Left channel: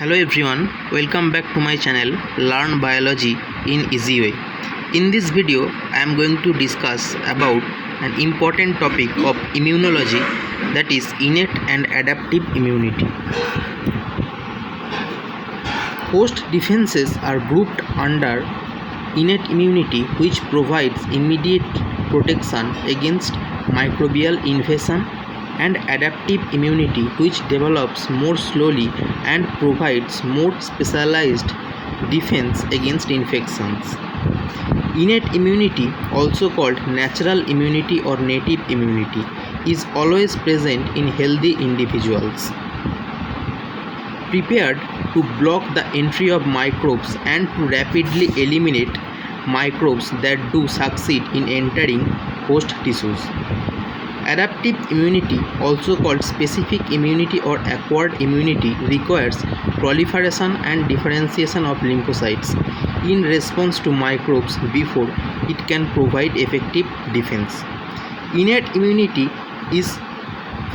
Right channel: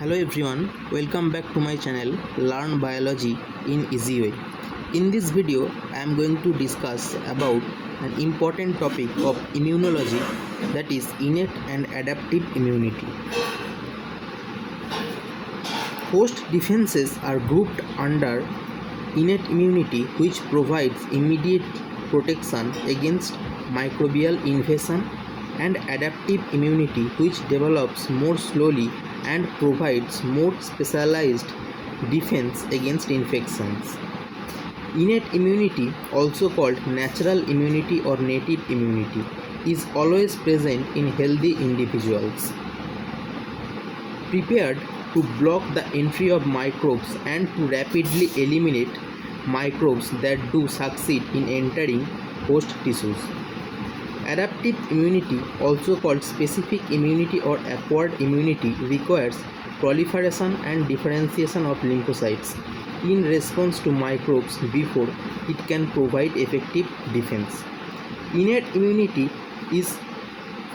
Hello everyone, welcome back to my channel Learn Biology in Easy Way. In this video, I am going to discuss about an important topic of immunology, that is innate and adaptive immunity. Host defenses are grouped under innate immunity, which provides immediate protection against microbial invasion, and adaptive immunity, which develops more slowly and provides more specialized defense against infections. Innate immunity, also called natural immunity or native immunity, is always present in healthy individuals, prepared to block the entry of microbes and to rapidly eliminate microbes that do succeed in entering host tissues. Adaptive immunity, also called specific immunity or acquired immunity, requires proliferation and differentiation of lymphocytes in response to microbes before it can provide effective defense. Innate immunity is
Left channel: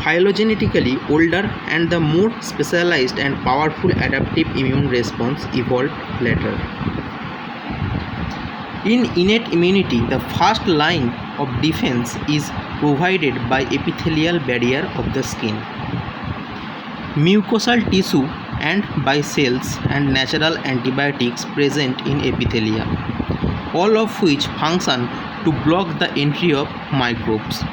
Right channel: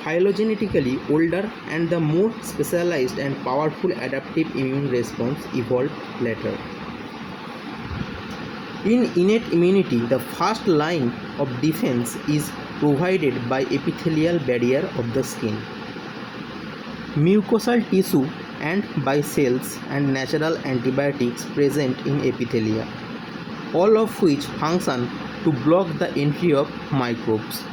phylogenetically older, and the more specialized and powerful adaptive immune response evolved later. In innate immunity, the first line of defense is provided by epithelial barrier of the skin, mucosal tissue, and by cells and natural antibiotics present in epithelia, all of which function to block the entry of microbes.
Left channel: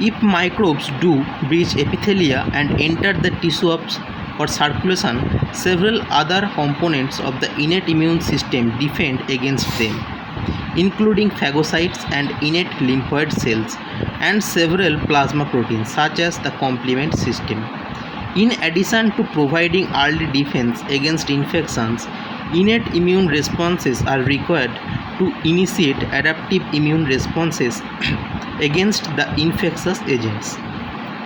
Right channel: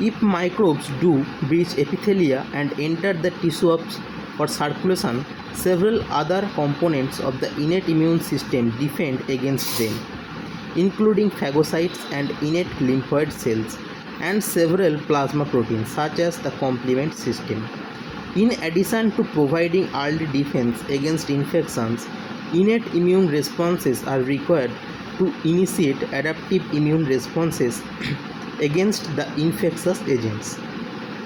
If microbes do breach epithelia and enter the tissue for circulation, several other components of the innate immune system defend against them, including phagocytes and innate lymphoid cells and several plasma proteins such as the complement system. In addition to providing early defense against infections, innate immune responses are required to initiate adaptive immune responses against the infectious agents.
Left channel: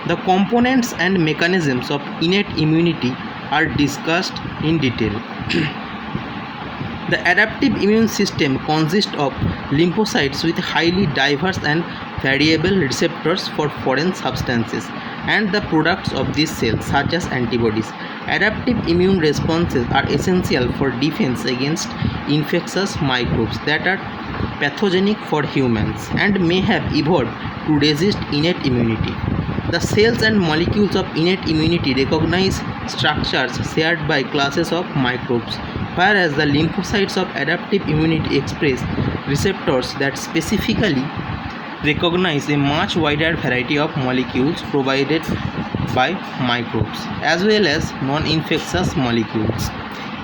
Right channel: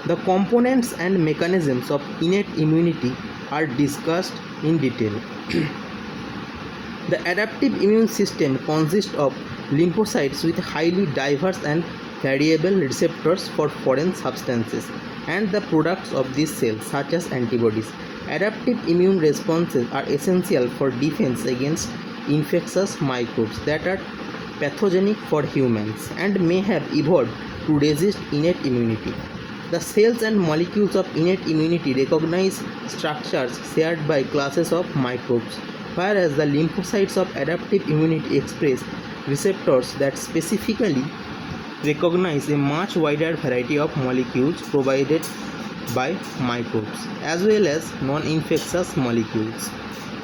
The components and mechanisms of innate immunity are discussed in detail. The adaptive immune system consists of lymphocytes with highly diverse and variable receptors for foreign substances and the products of these cells, such as antibodies. Adaptive immune responses are essential for defense against infectious microbes that are pathogenic for humans and may have evolved to resist innate immunity. The cells and molecules of innate immunity recognize structures shared by classes of microbes, whereas the lymphocytes of adaptive immunity express receptors that specifically recognize a much wider variety of molecules provided by microbes, as well as non-infectious molecules.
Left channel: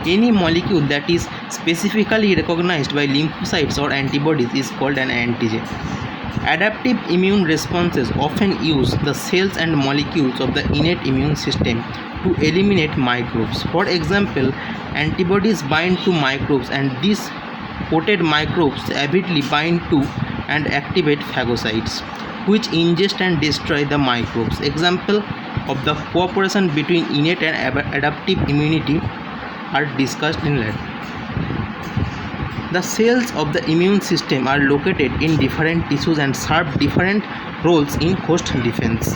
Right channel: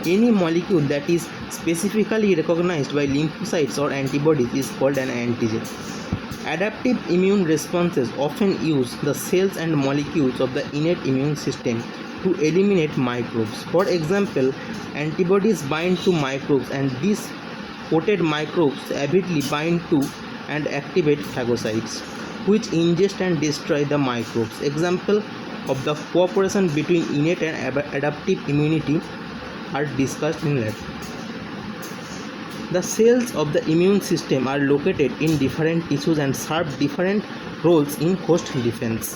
Any molecule that is specifically recognized by lymphocytes or antibodies is called an antigen. Adaptive immune responses often use the cells and molecules of the innate immune system to eliminate microbes. For example, antibodies bind to microbes, and these coated microbes avidly bind to and activate phagocytes, which ingest and destroy the microbes. Example of the cooperation between innate and adaptive immunity are discussed in later. The cells of the immune system are located in different tissues and serve different roles in host defense.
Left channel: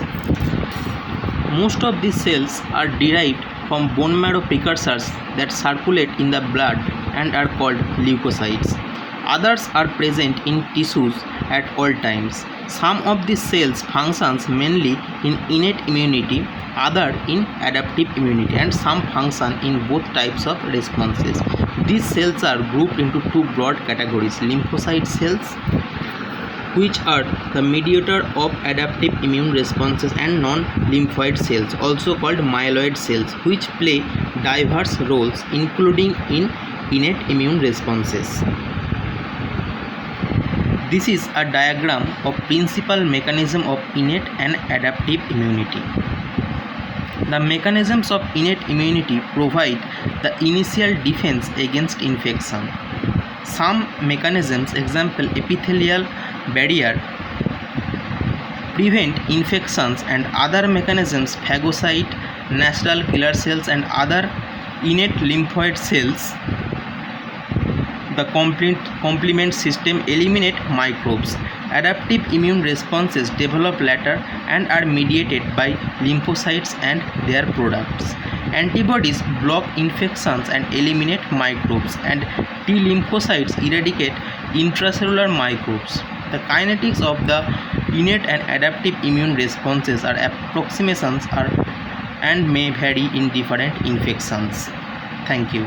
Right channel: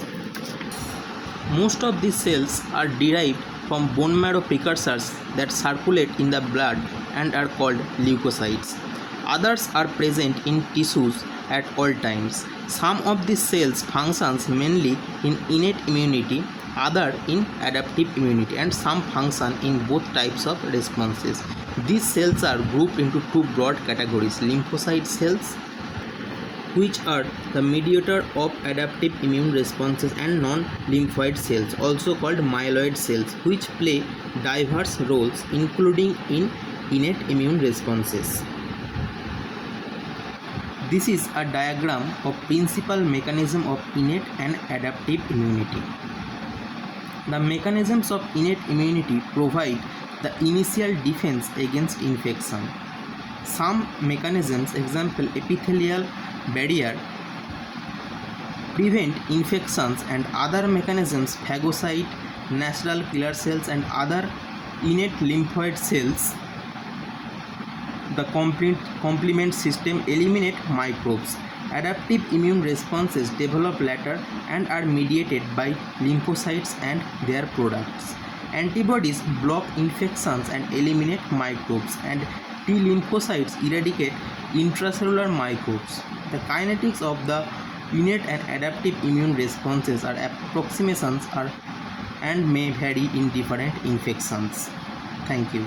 Most of these cells are derived from bone marrow precursors that circulate in the blood and are called leukocytes. Others are present in tissues at all times. Some of these cells functions mainly in innate immunity, other in adaptive immunity, and some function in both types of responses. These cells are grouped into two broad categories: lymphocyte cells, which are the mediator of adaptive immune responses, and non-lymphoid cells, also called myeloid cells, which play diverse roles including in innate immune responses. This is a diagram of principal mechanism of innate and adaptive immunity. The mechanisms of innate immunity provide the initial defense against infection. Some mechanisms, example epithelial barrier, prevent infections, and other mechanisms, phagocyte, natural killer cells, and other innate lymphoid cells, the complement system, eliminate microbes. Adaptive immune responses develop later and are mediated by lymphocytes and their products. Antibodies block infections and eliminate microbes, and T lymphocytes eradicate intracellular microbes. The kinetics of the innate and adaptive immune responses are approximations and may vary in different infections. Thank you.